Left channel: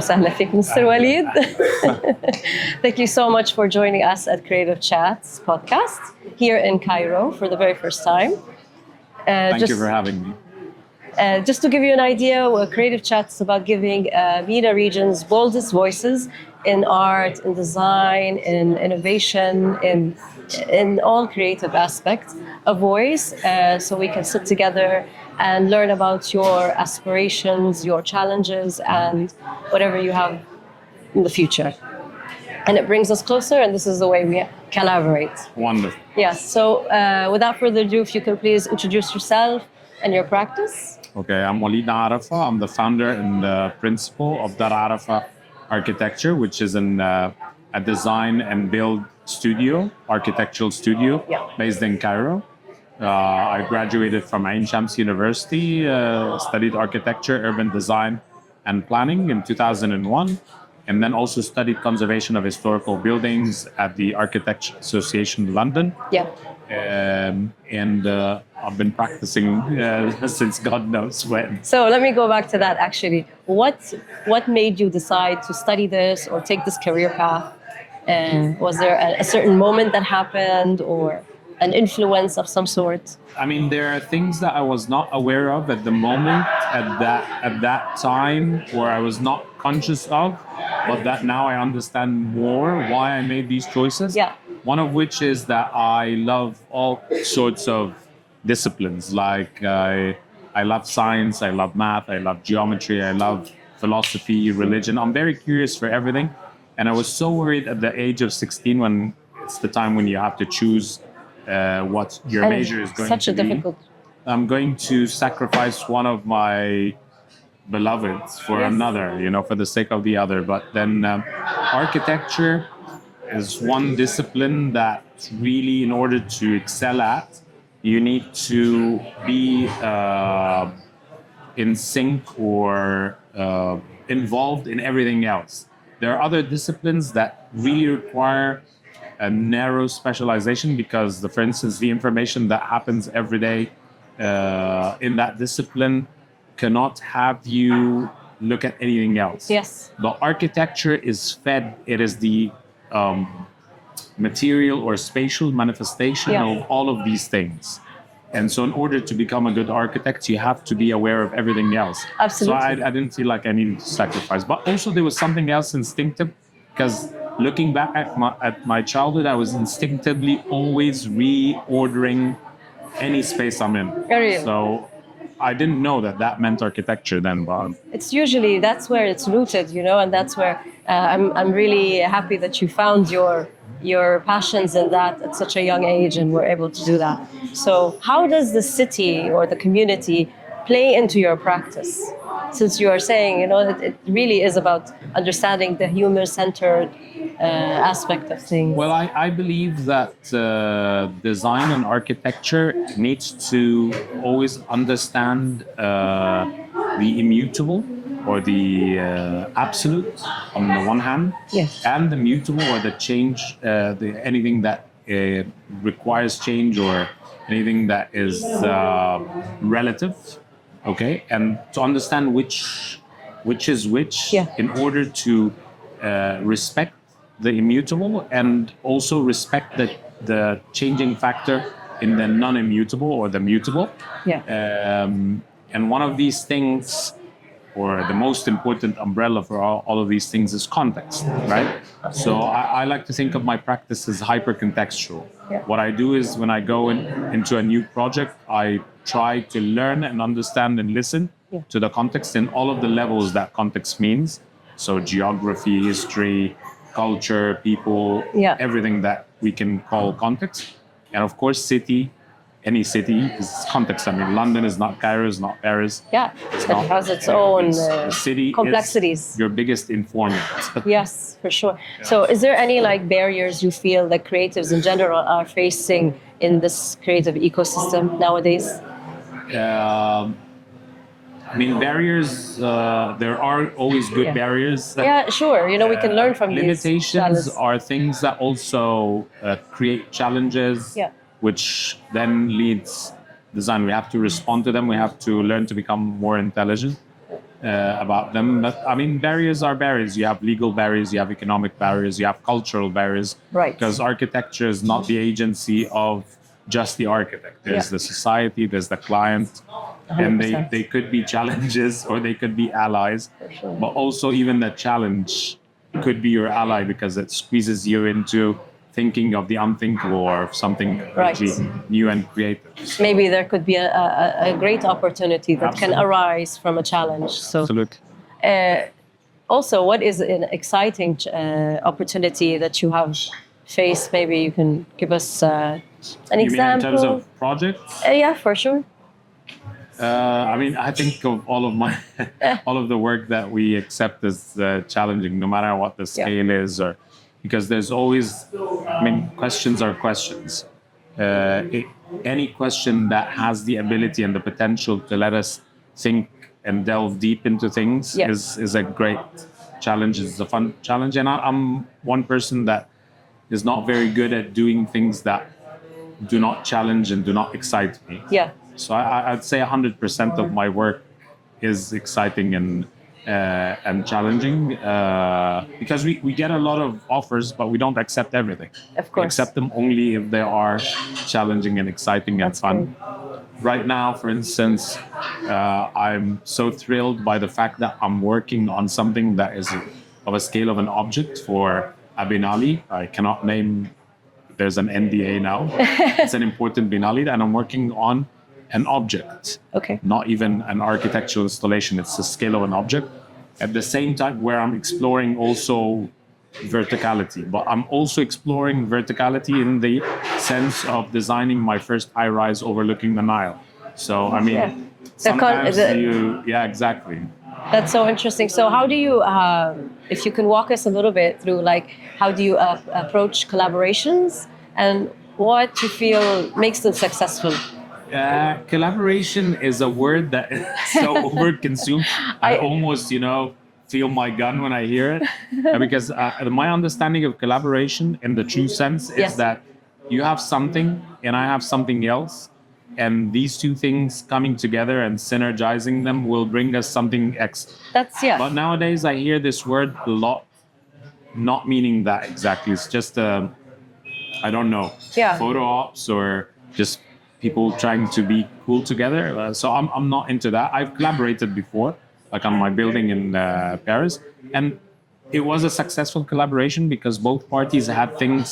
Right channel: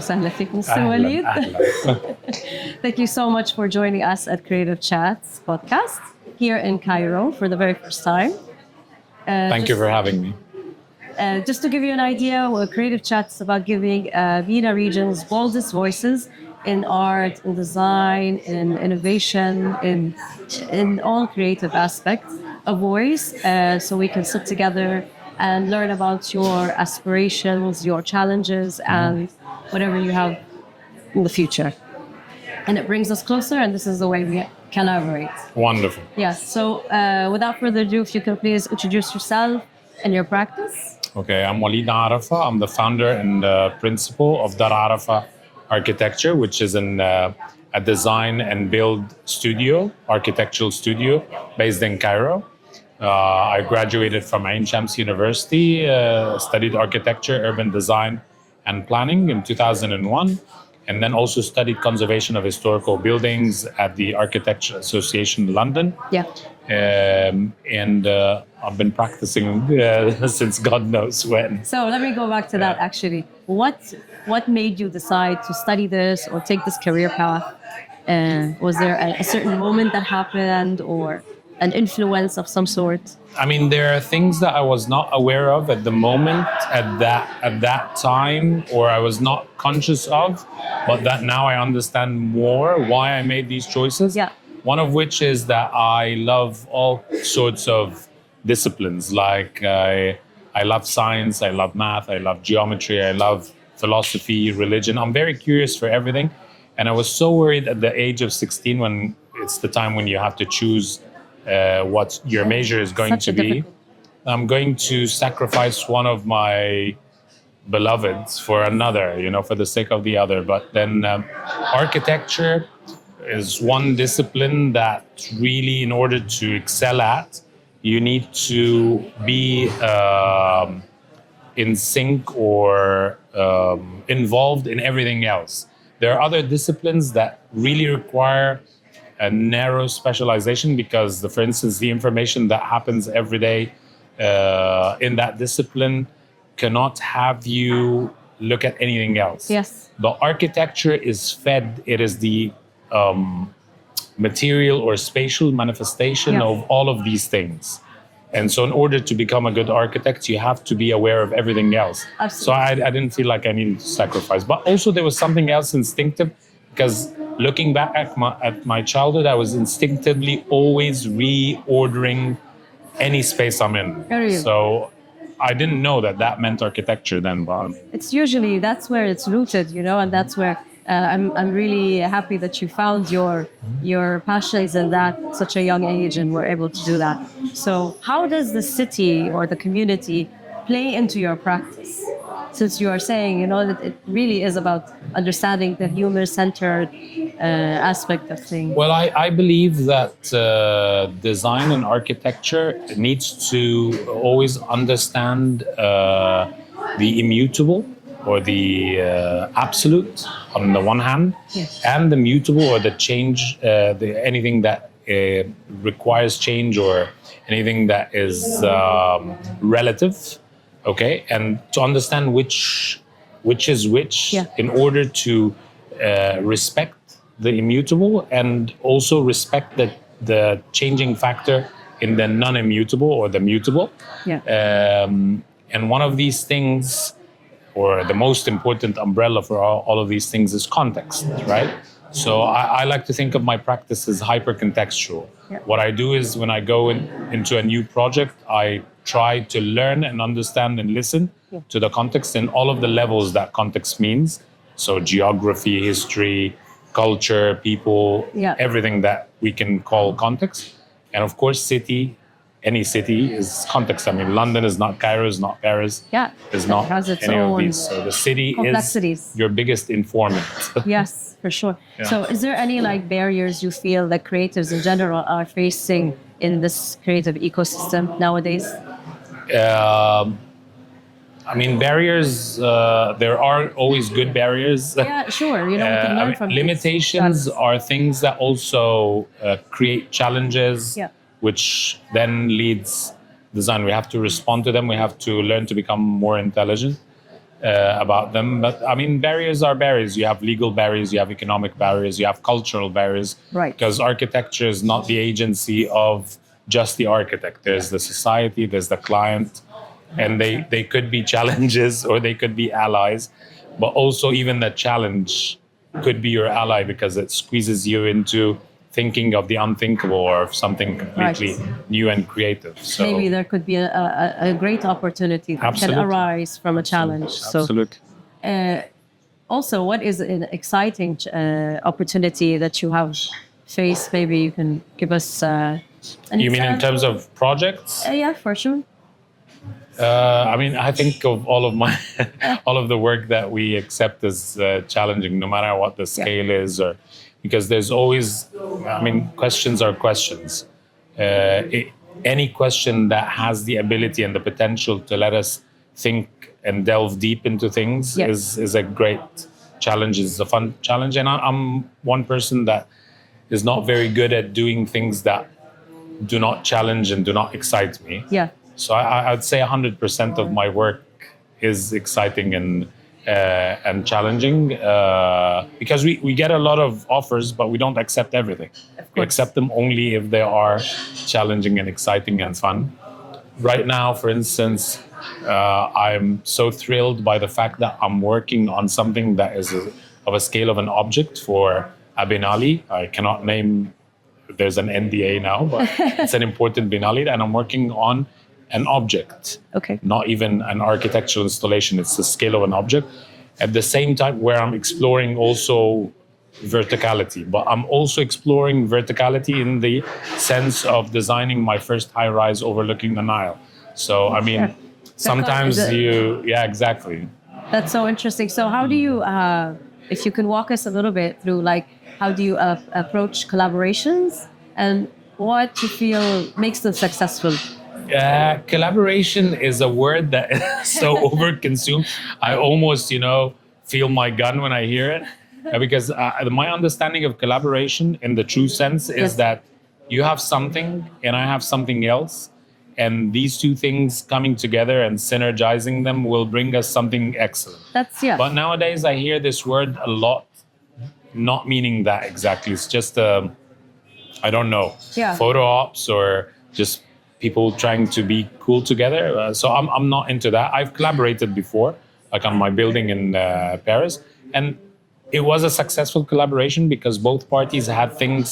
وسهلا فيك, Mr. Waleed. Thank you so much for joining us at Creative Chats podcast here in Cairo for the very first time. Thank you for having me. Just to give you an idea, Creative Chats is about giving MENA region's boldest voices in art, in design, in innovation, in all creative aspects, a voice, so we can sit together and learn about your aspirations, your challenges, and whatever you have in the future. And it brings us closer, and this is the way we collaborate. Wonderful. Yes, so without further ado, if you could please introduce yourself and your practice. Okay, I'm Waleed Arafa. I'm the founder and principal of Dar Arafa Architecture, which is a design and build studio, architectural studio based in Cairo. I graduated from Ain Shams University, studied architecture, urban design, and planning in 2001, and then also studied conservation of historical buildings at the Architecture Association London. Yeah. And I've been practicing since God knows when. So let me go back to that actually. What made you decide to study this or take this career path? Was there a certain moment that happened or an influence of some sort? I mean, there are things that I was not aware of at the moment, at that time, or I was not conscious of, but that now I understand more why I made these choices. Yeah. One of which is that I love all sorts of disciplines. Like I love science, I love math, I love geometry, I love philosophy, religion. I'm very curious for everything. And I was so worried at the age of 16 when it's the time when you have to choose what your major is going to be. I'm going to sacrifice one of my beloveds for another, for the sake of the other. But then architecture is one discipline that really, in order to excel at, you need to be in sync or involved in everything else. There are other disciplines that really require a narrow specialization because, for instance, the information that happens every day in that discipline cannot have you look at anything else. Yes. The architecture is fed, it is the material or spatial manifestation of all of these things. And so in order to become a good architect, you have to be aware of everything else. Absolutely. So I didn't feel like I needed to sacrifice. But also there was something else instinctive because looking back at my childhood, I was instinctively always reordering any space I'm in. Really? So I didn't know that meant architecture then. But it's usually, that's where it's rooted, and that's where I'm really happy that you found your passions in that at such a young age and were able to do that. So how does the city or the community play into your practice? Since you are saying, that it really is about understanding the human-centered aspect of things. Well, I believe that design and architecture needs to always understand the immutable or the absolute on the one hand, and the mutable or the change, anything that requires change or anything that is relative. Okay, and to understand which is which in order to respect the immutable and also respect the changing factor in the non-immutable or the mutable. And one of these things, or the most important umbrella for all of these things, is context, right? So I like to think of my practice as hyper-contextual. What I do is when I go into a new project, I try to learn and understand and listen to the context in all of the levels that context means. So geography, history, culture, people, everything that we can call context. And of course, any city is context. I mean, London is not Cairo, is not Paris. It's not. It has its own so the city complexities. is your biggest informant. Yes, for sure. So is there any barriers you feel that creatives in general are facing in this creative ecosystem nowadays? I mean, barriers, there aren't always good barriers. Yeah, sure. We can learn from limitations are things that also create challenges, which then leads design. We have to respond to them. We have to learn to become more intelligent. about them. But I mean, barriers are barriers. You have legal barriers, you have economic barriers, you have cultural barriers. Right. Because architecture is not the agency of just the architect. There's Yeah. the society, there's the client, and 100%. they could be challenges or they could be allies. sure. But also, even the challenge could be your ally because it squeezes you into thinking of the unthinkable or of something completely new and creative. So, Maybe there could be a great opportunity that Absolutely. can arise from a challenge. So, absolutely. also, what is an exciting opportunity that you have faced? Maybe you can give us an You mean in example. terms of projects? Yeah, for sure. I mean, I think of all of my, all of the work that we accept as challenging, no matter what the scale is, or because there's always, I mean, questions are questions. Any question that has the ability and the potential to let us think and delve deep into things Yeah. is a great challenge. Is a fun challenge, and I'm one person that is not very good at doing things that do not challenge and do not excite me. Yeah. So I'd say 100% of my work is exciting and challenging because we get a lot of offers, but we don't accept everything. Of We course. accept them only if they are challenging and exciting and fun. Right now, for instance, I'm so thrilled by the fact that I'm working on something that is of a scale of an object for Bin Ali. I cannot name. There's an NDA now, but it's an important Bin Ali, and I'm working on an object, Okay. not even an architectural installation. It's the scale of an object. At the same time, where I'm exploring also verticality, but I'm also exploring verticality in the sense of designing my first high-rise overlooking the Nile. So, I mean, Yeah. sometimes Is it- yeah, exactly. That's so interesting. So, how do you, if you can walk us a little bit through, like, how do you approach collaborations and what you feel makes them successful? Collaboration is a word that is so overconsumed. I almost, feel my gun when I hear it, because my understanding of collaboration in the true sense is Yes. that you have something and I have something else, and these two things coming together and synergizing them will bring us something excellent. That's, yeah. But nowadays I hear this word a lot, not meaning that exactly. It's just I don't know, Yeah. photo ops or just people trying to be cool together. So I'm not into that. I've collaborated before, like on my building in Paris, and it was a successful collaboration because both parties had things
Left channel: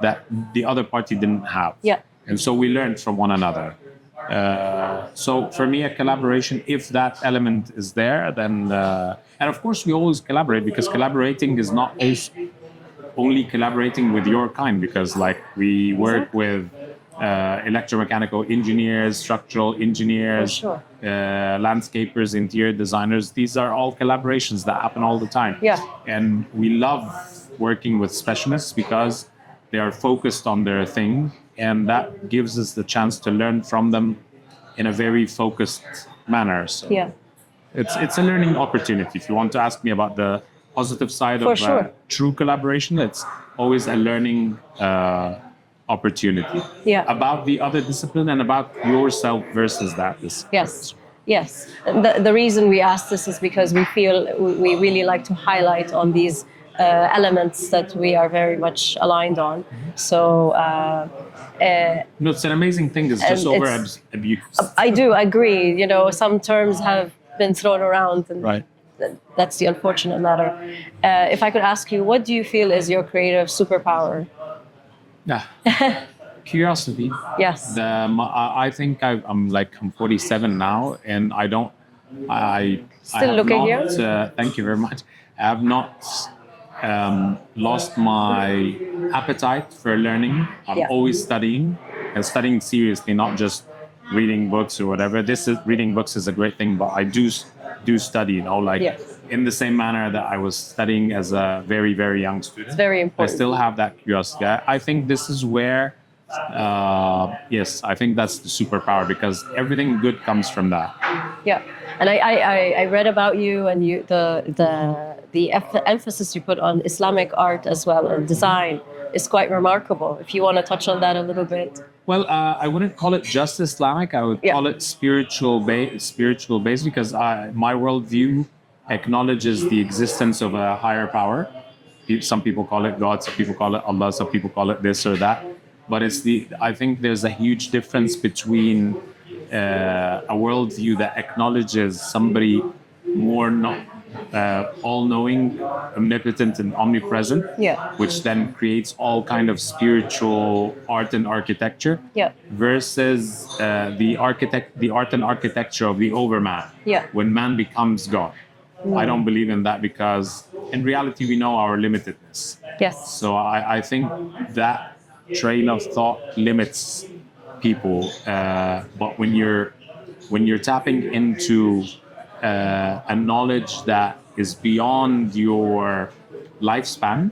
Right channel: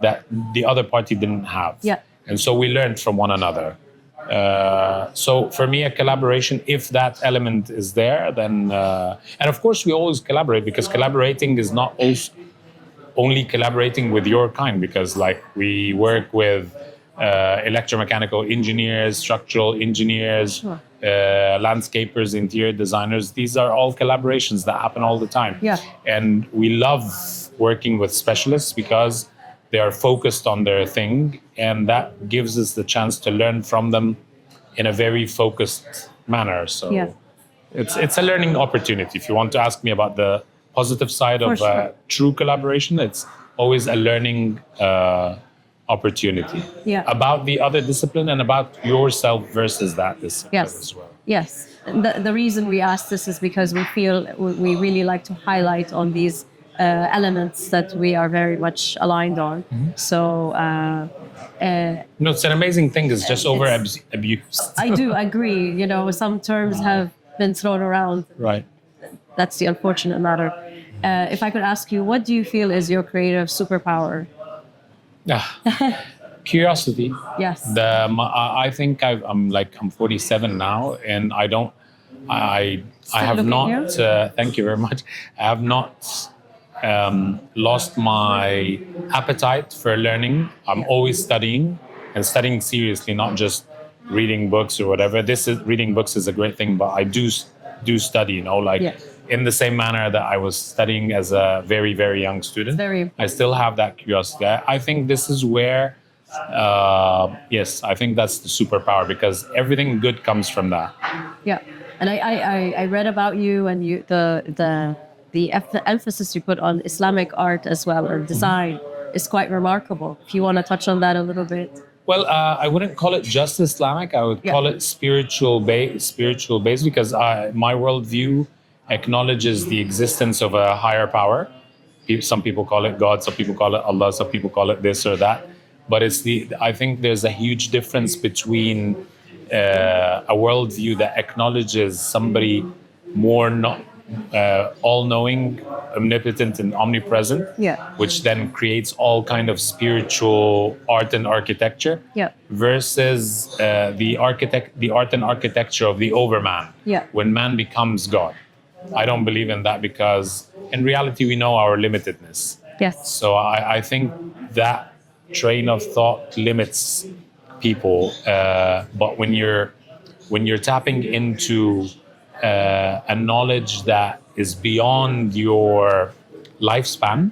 that the other party didn't have. Yeah. And so we learned from one another. So for me, a collaboration, if that element is there, then and of course we always collaborate, because collaborating is not only collaborating with your kind, because like we work with electromechanical engineers, structural engineers, Sure. Landscapers, interior designers. These are all collaborations that happen all the time. Yeah. And we love working with specialists because they are focused on their thing, and that gives us the chance to learn from them in a very focused manner. So Yeah. it's a learning opportunity. If you want to ask me about the positive side For of sure. true collaboration, it's always a learning opportunity Yeah. about the other discipline and about yourself versus that discipline Yes. as well. Yes. The reason we ask this is because we feel we really like to highlight on these elements that we are very much aligned on. So No, it's an amazing thing. It's just And over it's- abused. I do agree. Some terms have been thrown around, and Right. that's the unfortunate matter. If I could ask you, what do you feel is your creative superpower? Curiosity. Yes. I think I'm 47 now, and I Still have looking not. young? Thank you very much. I have not lost my appetite for learning. I'm Yeah. always studying, and studying seriously, not just reading books or whatever. Reading books is a great thing, but I do study. Yeah. In the same manner that I was studying as a very, very young student. It's very I important. still have that curiosity. I think this is where, yes, I think that's the superpower, because everything good comes from that. Yeah, and I read about you and the emphasis you put on Islamic art as well, or design, is quite remarkable. If you want to touch on that a little bit. Well, I wouldn't call it just Islamic. I would Yeah. call it spiritual based because my worldview acknowledges the existence of a higher power. Some people call it God, some people call it Allah, some people call it this or that. But I think there's a huge difference between a worldview that acknowledges somebody more not all-knowing, omnipotent, and omnipresent, Yeah. which then creates all kind of spiritual art and architecture, Yeah. versus the art and architecture of the overman, Yeah. when man becomes God. I don't believe in that because in reality we know our limitedness. Yes. So I think that train of thought limits people. But when you're tapping into a knowledge that is beyond your lifespan,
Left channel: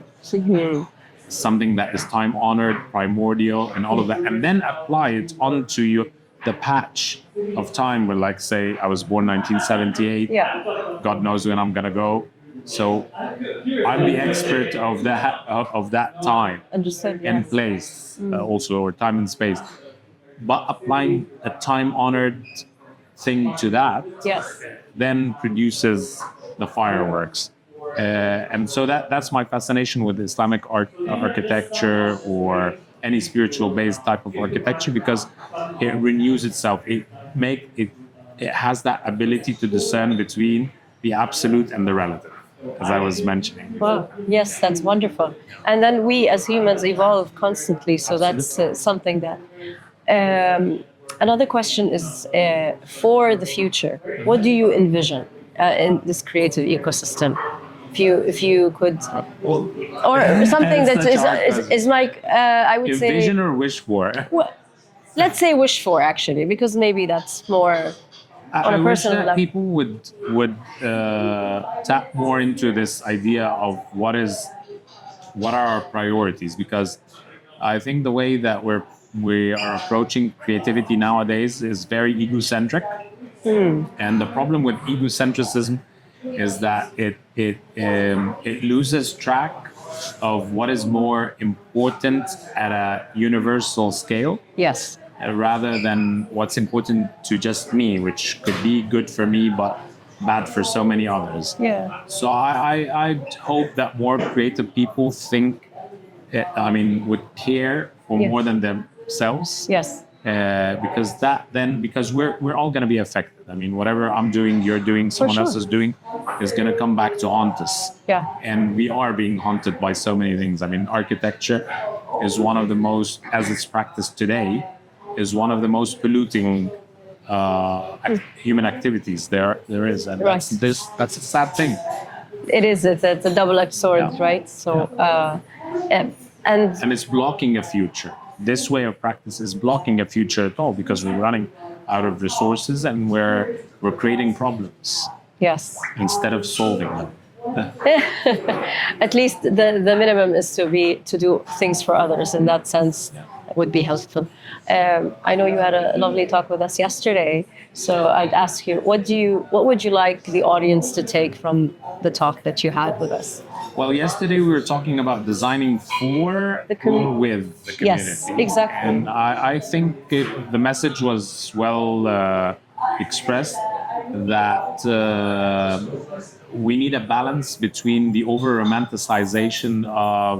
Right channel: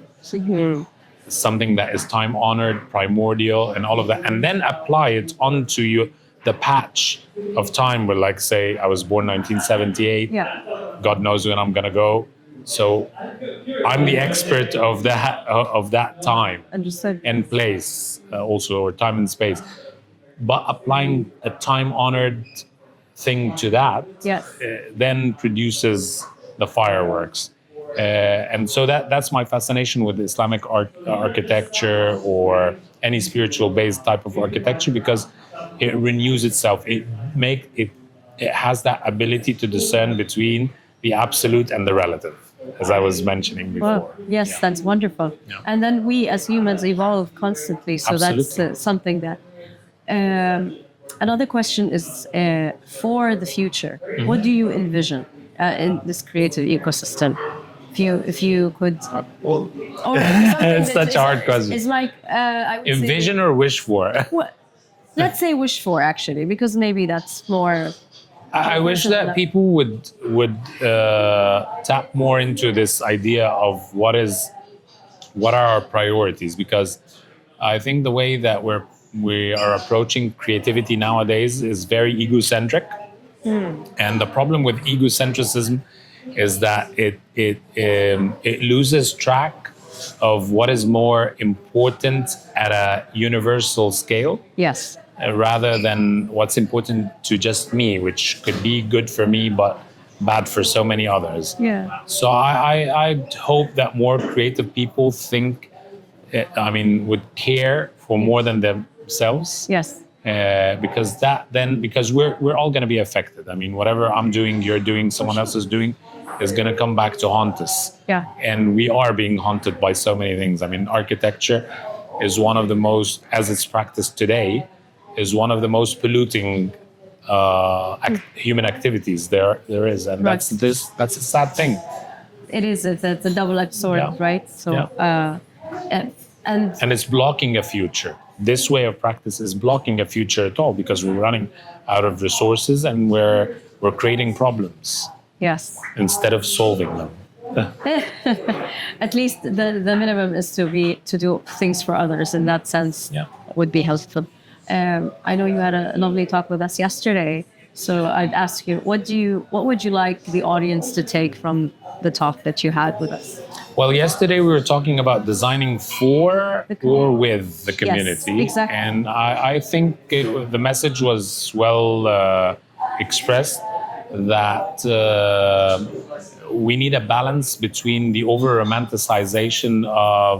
something that is time honored, primordial, and all of that, and then apply it onto the patch of time where, like, say, I was born 1978. Yeah. God knows when I'm gonna go. So I'm the expert of that time Understood. and place, also, or time and space. But applying a time-honored thing to that, Yes. then produces the fireworks. And so that's my fascination with Islamic architecture or any spiritual-based type of architecture, because it renews itself. It has that ability to discern between the absolute and the relative, as I was mentioning before. Well, yes, that's wonderful. And then we as humans evolve constantly. So that's Absolutely. something that. Another question is for the future. What do you envision in this creative ecosystem? If you could, Well, or something That's that such a hard question. is like I would envision say. or wish for? Well, let's say wish for, actually, because maybe that's more. I a wish personal that level. people would tap more into this idea of what are our priorities, because I think the way that we are approaching creativity nowadays is very egocentric. And the problem with egocentrism is that it loses track of what is more important at a universal scale, Yes. rather than what's important to just me, which could be good for me but bad for so many others. Yeah. So I hope that more creative people would care for more than themselves. Yes. Because we're all going to be affected. I mean, whatever I'm doing, you're doing, someone sure. else is doing, is going to come back to haunt us. Yeah. And we are being haunted by so many things. I mean, architecture is one of the most, as it's practiced today, is one of the most polluting human activities there is, and Right. that's a sad thing. It is. It's a double-edged sword, Yeah. right? So, and And it's blocking a future. This way of practice is blocking a future at all, because we're running out of resources and we're creating problems yes. instead of solving them. At least the minimum is to do things for others. In that sense, Yeah. would be helpful. I know you had a lovely talk with us yesterday, so I'd ask you, what would you like the audience to take from the talk that you had with us? Well, yesterday we were talking about designing for The or community. with the community. Yes, exactly. And I think the message was well expressed, that we need a balance between the over-romanticization of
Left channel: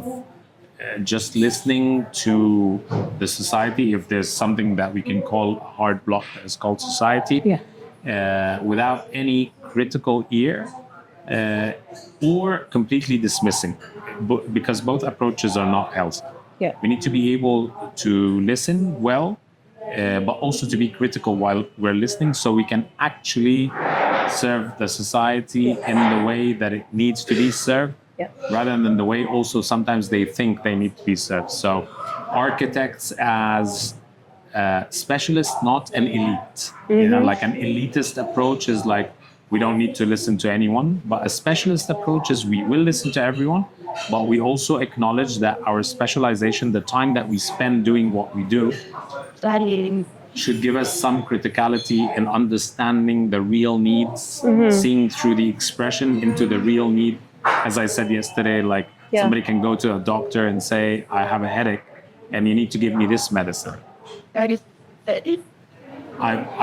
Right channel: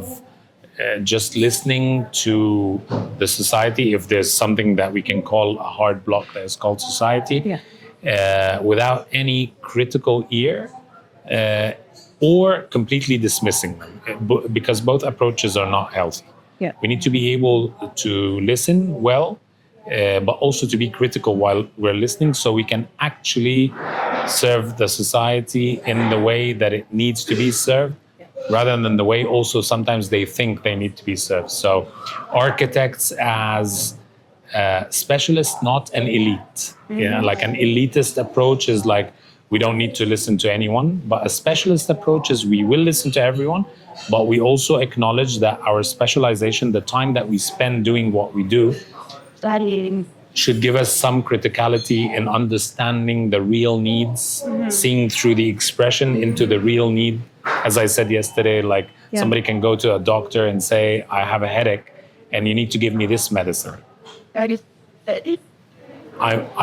just listening to the society, if there's something that we can call a hard block that is called society, without any critical ear, or completely dismissing them, because both approaches are not healthy. Yeah. We need to be able to listen well, but also to be critical while we're listening, so we can actually serve the society in the way that it needs to be served, rather than the way also sometimes they think they need to be served. So architects as specialists, not an elite. You know, like an elitist approach is like, we don't need to listen to anyone, but a specialist approach is we will listen to everyone, but we also acknowledge that our specialization, the time that we spend doing what we do, should give us some criticality in understanding the real needs, seeing through the expression into the real need. As I said yesterday, like somebody can go to a doctor and say, I have a headache and you need to give me this medicine. I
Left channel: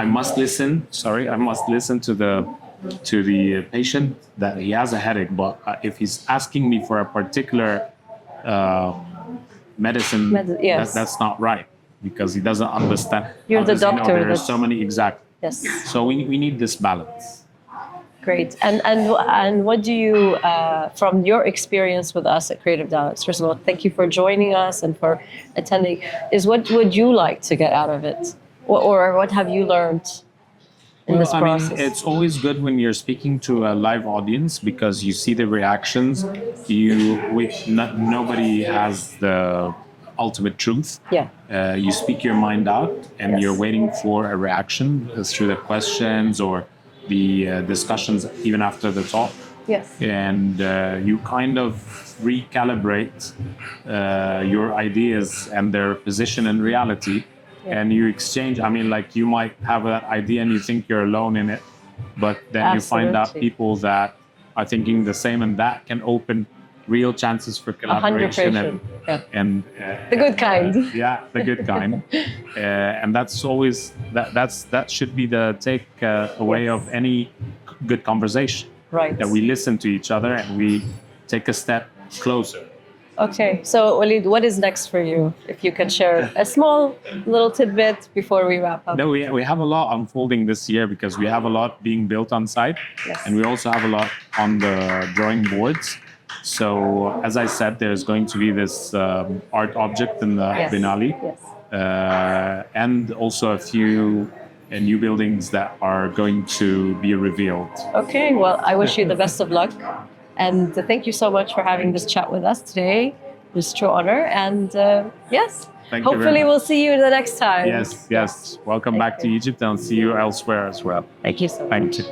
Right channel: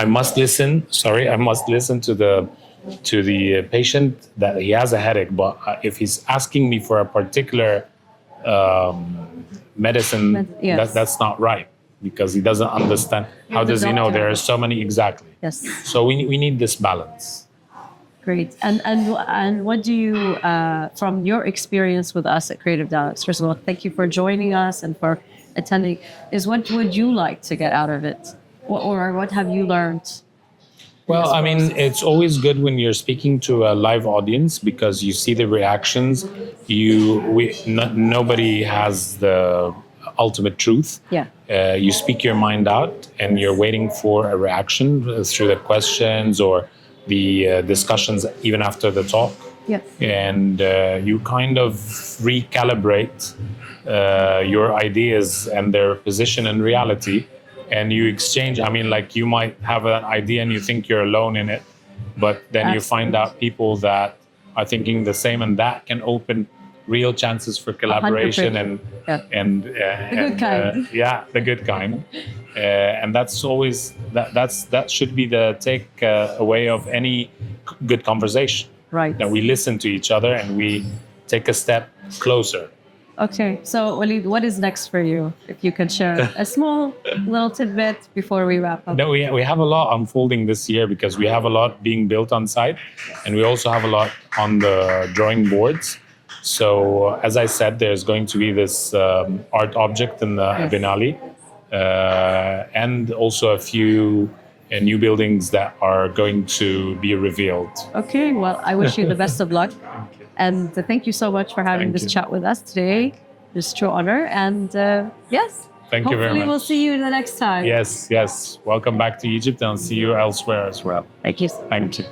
must listen. Sorry, I must listen to the patient that he has a headache. But if he's asking me for a particular medicine, Yes. that's not right because he doesn't understand. You're How the does he know doctor, there are but- so many exactly? Yes. So we need this balance. Great. And what do you, from your experience with us at Creative Dialogues, first of all, thank you for joining us and for attending, is what would you like to get out of it? Or what have you learned in this Well, I mean, process? it's always good when you're speaking to a live audience because you see the reactions. Nobody has the ultimate truth. Yeah. You speak your mind out, and you're waiting for a reaction through the questions or the discussions, even after the talk. Yes. And you kind of recalibrate your ideas and their position in reality, and you exchange. I mean, like you might have an idea and you think you're alone in it, but then you find out Absolutely. people that are thinking the same, and that can open real chances for collaboration 100%. Yeah. and The good kind. yeah, the good kind. And that's always that should be the take away of any good conversation. Right. That we listen to each other and we take a step closer. Okay. So, Waleed, what is next for you? If you can share a small little tidbit before we wrap up. No, we have a lot unfolding this year because we have a lot being built on site, Yes. and we also have a lot on the drawing boards. So, as I said, there's going to be this art object in the Yes. Binali, Yes. and also a few new buildings that are going to be revealed. Okay. Well, I wish you the best of luck. And thank you so much for having Thank this you. chat with us today. It's a true honor. And yes, Thank you very hopefully we'll much. see you the next time. Yes, yes. Welcome back to Egypt, and see you elsewhere as well. Thank you. Thank you.